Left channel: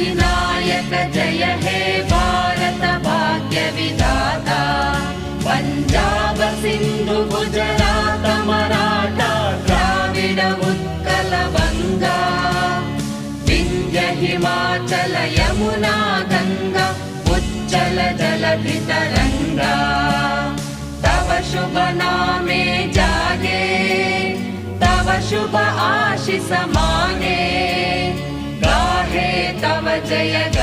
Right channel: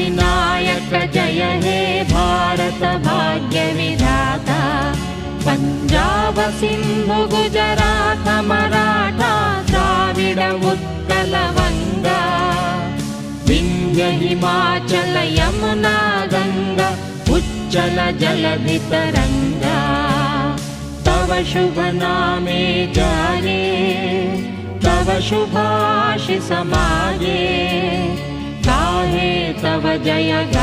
अधिनायक जय हे भारत भाग्य विधाता पंजाब सिंधु गुजरात मराठा द्राविड उत्कल बंगा विंध्य हिमाचल यमुना गंगा उच्चल जलधि तरंगा तव शुभ नामे जाने तव शुभ आशीष माने गाहे तव जय